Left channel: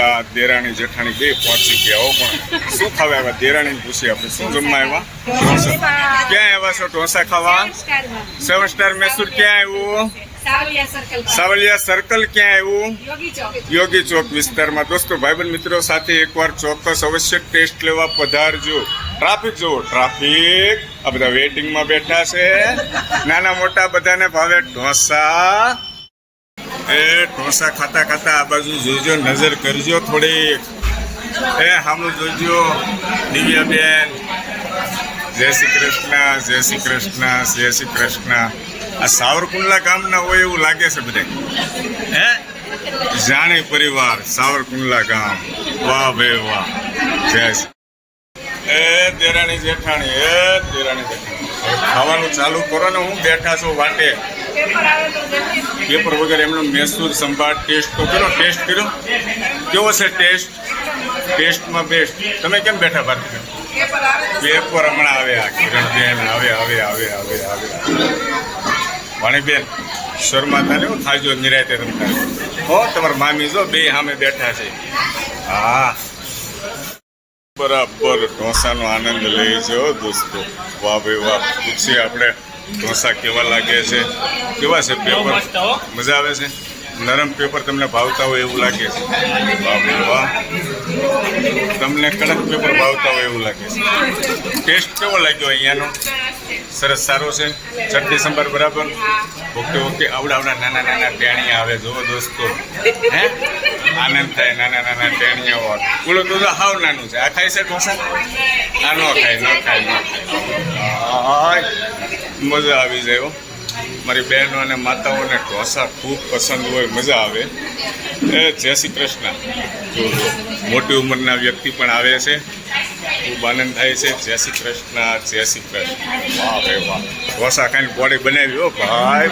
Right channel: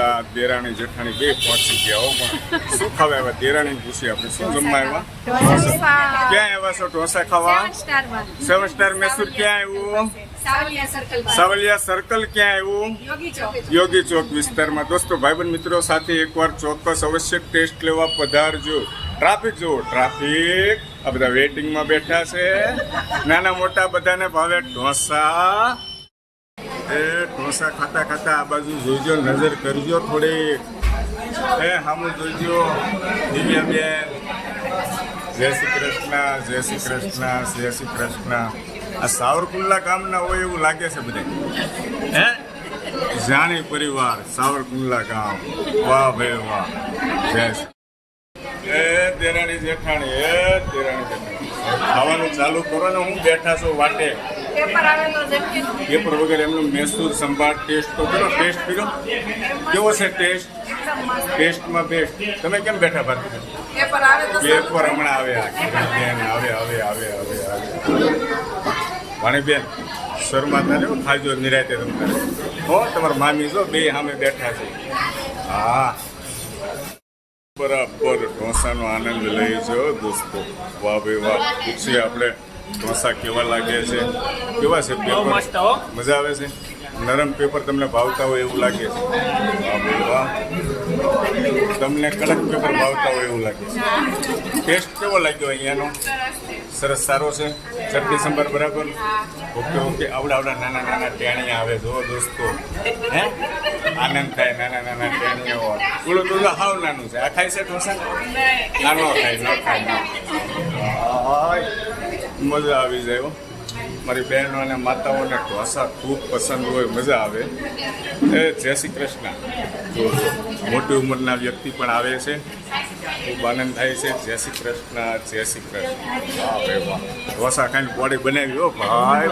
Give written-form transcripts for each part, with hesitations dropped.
પેલા દેરાણી જેઠાણી બે પહોંચી ગયા હો, પણ શું ખાવા આવ્યા? દેરાણી પૂછી આપણે શું જમવા આવ્યા? ક્યાં આવ્યા છો ઢોસા ખાવા? 7 સ્ટાર મૈસૂર ક્યાં આવ્યું? સાવલિયા સર્કલ ક્યાં આવ્યું? યોગી ચોક વિસ્તારમાં. દોસ્તો ભાઈબંધ મિત્રો સાથે એકવાર ચોક્કસ અવશ્ય ટેસ્ટ લેવા પધારજો. ટ્રાફિક જુઓ, ટ્રાફિક. આ બધા વેઇટિંગમાં બેઠા છે. નાના મોટા બધાને ભાવે ઢોસા. એ ઢોસા ખાતા ખાતા આ બાજુ જોઈજો, નજર કરજો થોડીક. સામું જોઈજો. દિવ્યાબેન, જય શ્રી કૃષ્ણ, જય શ્રી કૃષ્ણ, જય શ્રી કૃષ્ણ. આ સાવરકુંડલા ગામના હોય એવું લાગે છે બધા. જાણી પરિવાર, સાવરકુંડલા ગામ. વાહ ભાઈ વાહ. જય દેરાણી જેઠાણી, દેરાણી જેઠાણી. ખાવાનું ચાલુ કરો ને. હું બેઠા છું વાટે. પેપર વગર એમનો મૈસૂર સંભાળ ટેસ્ટ તો કરો. ટેસ્ટ કર્યો? કેવો છે ટેસ્ટ? ટેસ્ટમાં બેસ્ટ. તમે કેમ બેઠા ભારતીબેન? પેપર હમણાં આવ્યા. કિરણબેન આવે. વાણીબેન શર્માતા ને ખાજો નિરાયતે રમતા હો. તમારા મામી જો બે સામે બેઠા છે. હા, બરાબર ઢોસાનો આનંદ લઈ જો દોસ્તો. વાહ ભાઈ વાહ. પૂછીએ આપણે ઢોસા કેવા લાગે છે, કેવા છે પેપર? મજા આવે છે? નરમ પેપર તમને ભાવતા હોય એવું લાગે છે? વાહ ભાઈ વાહ. તમને કડક પેપર ભાવતા હોય એવું લાગે છે? ટેસ્ટ કેવો લાગ્યો અહીંયાનો? સરસ, સારો છે. ચટણી સંભાર બરાબર? Okay okay. આવડા નાના નાના ટેણીયા આવે જુઓ દોસ્તો. હે આનંદ થાય. નાના ટેણીયા હોય. ઓલું તો હાવ નાનું છે. આ ખાય છે ઢોસા? આ ન ખાય. મજા આવી જાય. મારી બહેનો અને માતાઓને ઢોસા ખૂબ પસંદ હોય, મજા આવે. જય શ્રી કૃષ્ણ. જો મોટી ઉંમરના વ્યક્તિ પણ આવે છે, ખૂબ આનંદ થાય છે. જય શ્રી કૃષ્ણ, જય શ્રી કૃષ્ણ. વાહ ભાઈ વાહ. ઢોસા ખાઈને બોડી બનાવી હો ભાઈ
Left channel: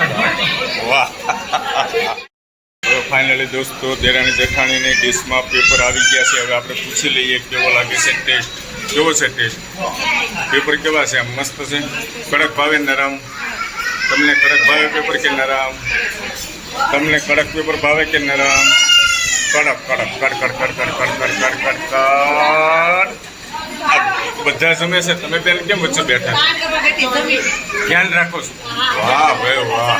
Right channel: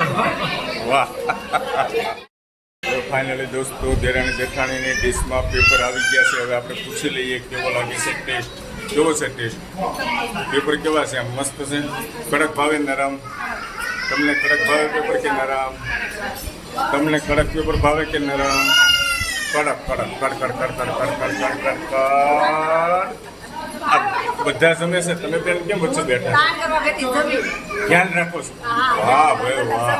વાહ. ફાઇનલી દોસ્તો દેરાણી જેઠાણીની ડીશમાં પેપર આવી ગયા છે. હવે આપણે પૂછી લઈએ કેવો લાગે છે ટેસ્ટ. કેવો છે ટેસ્ટ? પેપર કેવા છે? આમ મસ્ત છે? કડક ભાવે નરમ? તમને કડક ભાવે પેપર કે નરમ? તમને કડક પેપર ભાવે કે નરમ? કડક. આ બધા જમે છે. તમે બેન કેમ વચ્ચે બેઠા છો? ધ્યાન રાખો છો? વાહ ભાઈ વાહ.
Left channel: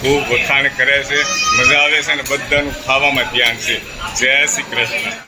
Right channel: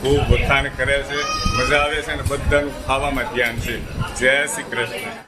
ખૂબ વખાણ કરે છે. મજા આવે છે ને બધાનું ખાવામાં ધ્યાન છે. જય શ્રી કૃષ્ણ.